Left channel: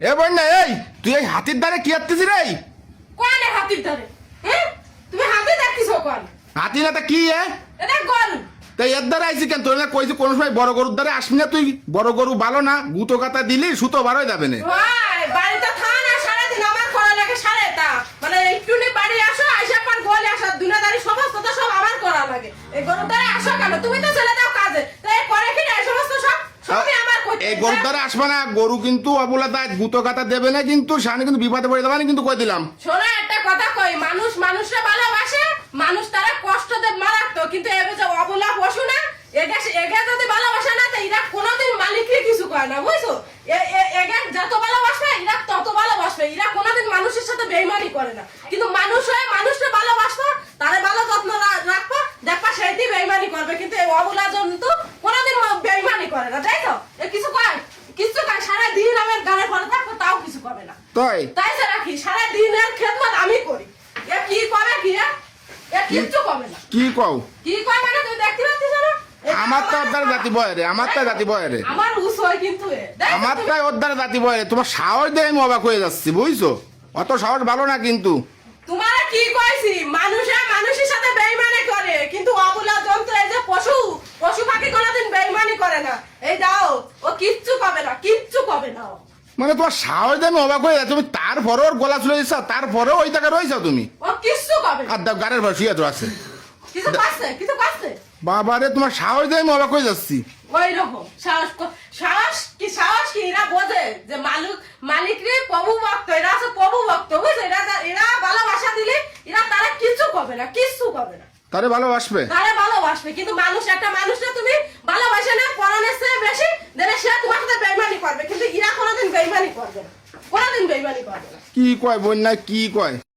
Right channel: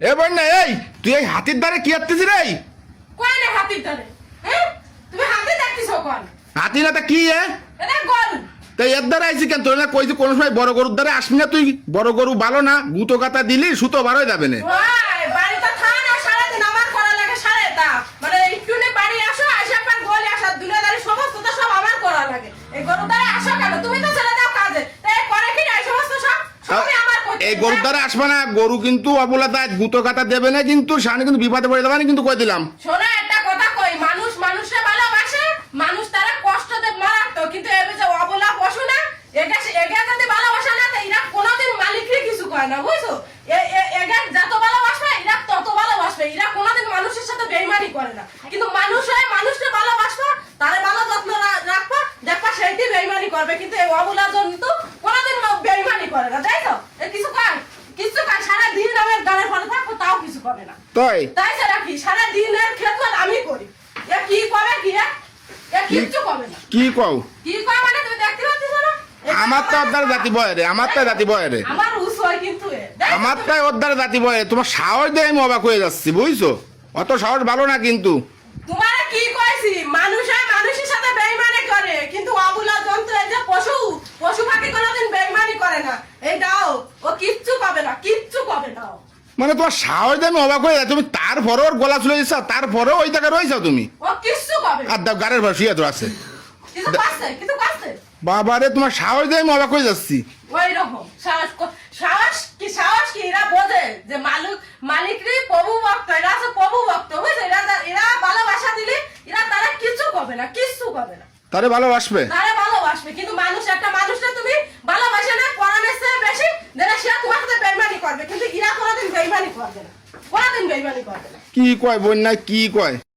এ বন্যা, এই তুই এই হাতির দ্বারে কি আত্তিস রে? কোন হাতির ধরে? হ্যাঁ, তুমি হাতি দেখতেছো কোন? হাতি না তা কি? এটা গরু। তাই এর দ্বারা আইসি কেন? তোর না কইছি কোন সময় বড় গরুর দ্বারে আসবি না তুই? বড় গরু ভালো না, গুতো কাটা দিলি সুতো বার হয়ে যাবে না। ভাই বাড়িতে থাকা না, সারাদিন আমার করা লাগে সারেটা, মানে একটু নে বাড়ি আসো, আসা পার গোলে আসা দুনিয়াদারি সমস্ত তো সব আমার করা লাগে। এই গরু দ্বারা আসো কেন? তুমি তো চলে যাও কাজে, তাই করে কি এই সমস্ত সবই আমার করতে। এই গরুর দ্বারা আসবে না, গরু কিন্তু অবলা তাই গুতো কাটা দেবে না, কিন্তু সামনে কিন্তু বিপদে পড়ে যাবে না, কিন্তু কই দিলাম। শোনো একটা কথা কই, মানুষ মানুষরা ভালোবাসে, মানুষ তারা কষ্ট দেব মারাত্মক, কিন্তু এবে যে অবলা পশু না, এগা যদি ভালোবাসে না, তো এরা কোনোদিন মালিককে কিছু করে না, বুঝছো? এগা যত ভালোবাসবে এরা তত ভালোবাসবে, এরা কোনোদিন মানুষের সাথে বেইমানি করে না, কিন্তু মানুষ হয়ে মানুষকে ভালোবাসবো, তারে ভালো যত্ন রাখবো, দেখবা সেইটি বেইমানি করবে, কিন্তু এই অবলা জন্তু কোনোদিন বেইমানি করে না, তাই তো? কিছু কয় কিছু কয়, সারা দিন আমার গানের পরে থাকবো, তাও কিছু করে না। তাই তাই স্যার রাখি, সারা দিনের খেদমত আমি করি, এ কি করে কি এ কিচ্ছু করে না। কি কও? কি করে মানে তুমি দেখতে পাচ্ছিস না? আমার তো ওর দ্বারা জাতি বয় রে, আমার তাই জাতি বয় রে, আমার রুস হয় কিন্তু আমার তাই ওর দ্বারা জাতি বয় রে। তোমার সাহস দিয়ে আমি অবাক হয়ে যাচ্ছি, বুঝছো? অত সাহস ভালো না কিন্তু। তোমারা কি কইছি, মানুষের সাথে বেইমানি করে, কিন্তু অবলা যন্ত্র এই যে পশু পাখি কোনোদিন বেইমানি করে না। এই দাও, ও কিচ্ছু পাবে না, কিচ্ছু পাবে না ও। মানে তোমার সাহস দিয়ে আমি অবাক হয়ে যাচ্ছি। তুমি তারপরেও ওর গলা চলে দিচ্ছ, তারপরেও ওই জায়গায় রয়েছ তুমি। ও কিচ্ছু পাবে না। আর দাও গাড়ির ভাষা শুয়ে তো আছে। কিছু পাচ্ছে, কিছু পাচ্ছে। বাবারে, তোমার সাহস দিয়ে আমি অবাক হয়ে যাচ্ছি। ওই রকম সাহস কি এরা বোঝে যে মালিকরি প্রভু ভক্ত, এরা আছে প্রভু ভক্ত, বুঝছে? এরা ভালোবাসা দিলে এরা তারা কিছু করবে না, কিচ্ছু করবে না, তারে ভালোবাসবে। তারা ভালোবাসবে। কিন্তু একটা মানুষটা তুমি ভালোবাসা না, পড়ানোর চেয়ে বেশি দেনা, সেটা তোমার সাথে বেইমানি করবে, কিন্তু এরা কোনোদিন বেইমানি করবে না, কোনোদিন বেইমানি করবে না। কি কয় বন্যায়, কি কয়?